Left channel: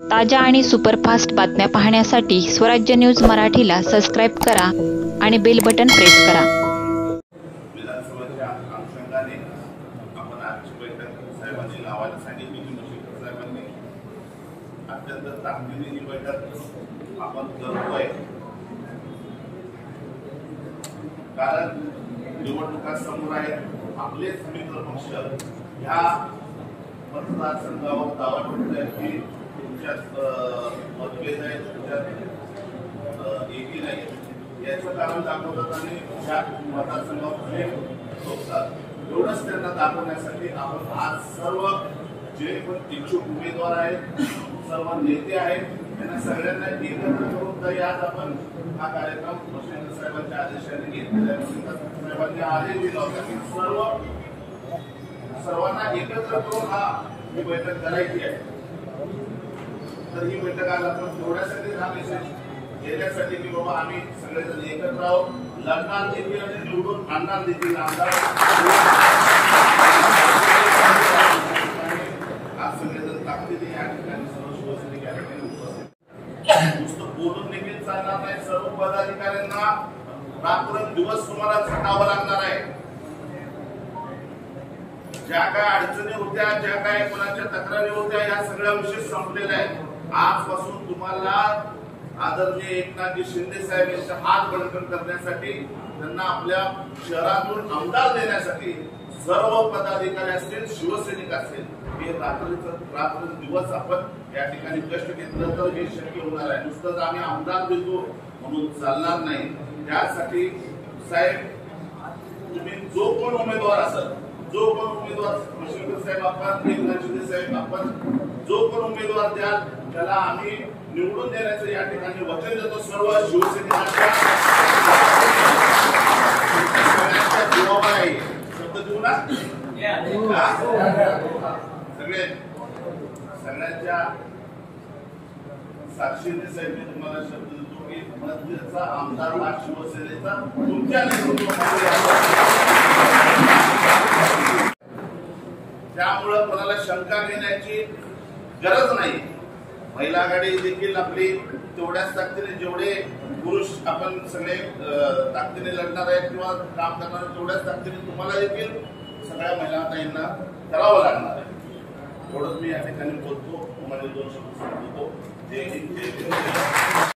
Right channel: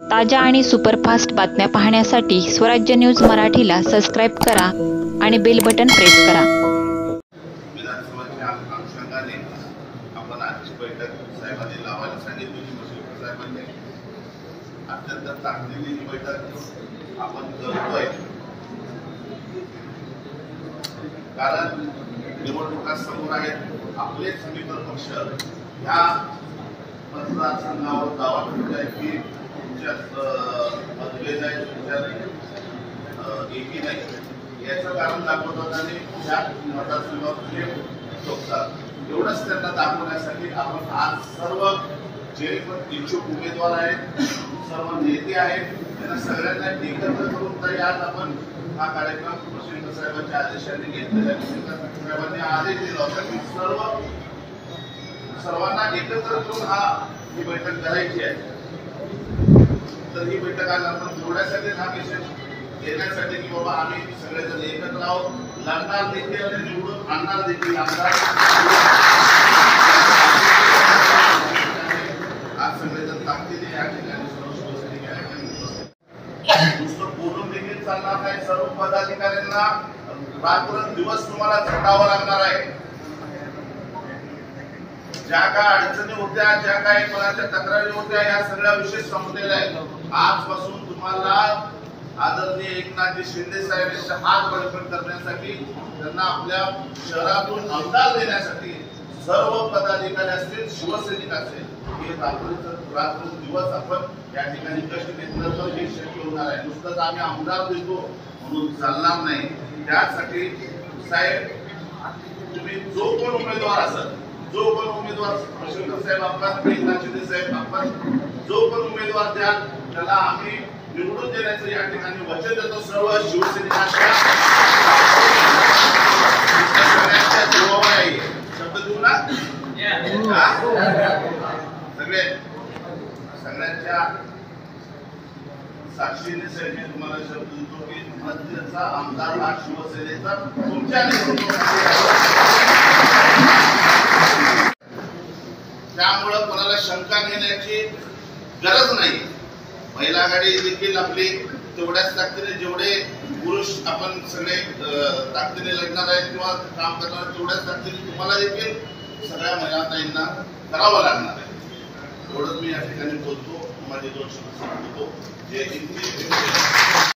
ताज्या आणि सुपरफास्ट बातम्या पाहण्यासाठी स्वराज्य न्यूज मराठीला सबस्क्राईब करा आणि बेल बटन प्रेस करा। विधानसभेच्या अनुषंगाने आपण आजची बैठक साहेबांनी लावायला सांगितली होती। साहेबांनी अत्यंत ताकदीने ही बैठक आपण करतोय, कारण निवडणुका समोर आहेत। आपलेच मित्र पक्ष ह्या मतदारसंघावर दावा करत आहेत की मतभेद आहे, तुमच्यात एकी नाही, याचं कारण दाखवतात आणि त्या मतदारसंघावर ठोकतात। एवढंच त्यांना दाखवण्यासाठी आपण आज सर्व जे पण इच्छुक उमेदवार आहेत, सर्व नेते आहेत, त्यांना सगळ्यांना एकत्र करून ताई आज आपण हा कार्यक्रम प्रशिक्षण साहेबांच्या आदेशाने घेतलेला आहे। साहेबांनी आदेश दिला होता की सर्वांना एकत्र करून ही बैठक करायची आहे। तर ही बैठक आज आपण थोड्यासाठी हा विषय घेण्यासाठी की बाबा आम्ही सगळेजण एकत्र आहोत, लढणार देखील आणि निवडून आणणार देखील आमदार। आज सगळेजण ताकदीने या ठिकाणी सर्व शिवसैनिक या ठिकाणी उपस्थित। नुसतं बोलून देखील चालणार नाही, सर्व पदाधिकाऱ्यांना रात्रंदिवस तुम्हाला झटावं लागणार आहे। ज्या काय अडचणी होत्या, ज्या काय कोणाच्या तक्रारी होत्या, या सगळ्या विषय संपलेल्या आहेत। आजपासून तुम्हाला आदरणीय एकनाथजी शिंदे साहेब यांचा हात बळकट करण्यासाठी, त्यांना आपल्या शहरातून आमदार देण्यासाठी सर्व पदाधिकारी असतील, शिवसैनिक असेल, हे रात्र दिवस आपण या ठिकाणी कष्ट घेतलं तर हे शक्य होणार आहे। नुसतंच आम्ही आमदार देतो म्हणून चालणार नाही। त्यासाठी साहेब तुम्ही जो कोण उमेदवार असेल, जो कोण उमेदवार प्रशिक्षण साहेब आपण, एकनाथ शिंदे साहेब आपण, जो कोण उमेदवार द्याल त्याला आम्ही निवडून देण्याचं या ठिकाणी वचन देतो। सर्व शिवसैनिकांच्या जीवावर आहे, शब्द देऊ ना सगळ्यांच्या साक्षीने साहेब तुम्हाला शब्द देतो की मध्यचा आमदार हा शिवसेनेचा तुमच्या त्यामुळं कोणाला शंका घेण्याची गरज नाही। महिला आघाडी देखील आपली तेवढ्याच ताकदीने, जेवढे पुरुष आपण सगळे ताकदीने लढणार आहेत किंवा काम करणार, तेवढ्याच ताकदीने तुम्हाला देखील सगळ्या महिला ताईंना करावं लागणार आहे। एवढंच मी या ठिकाणी बोलतो, माझे 2 शब्द सांगतो। जय हिंद।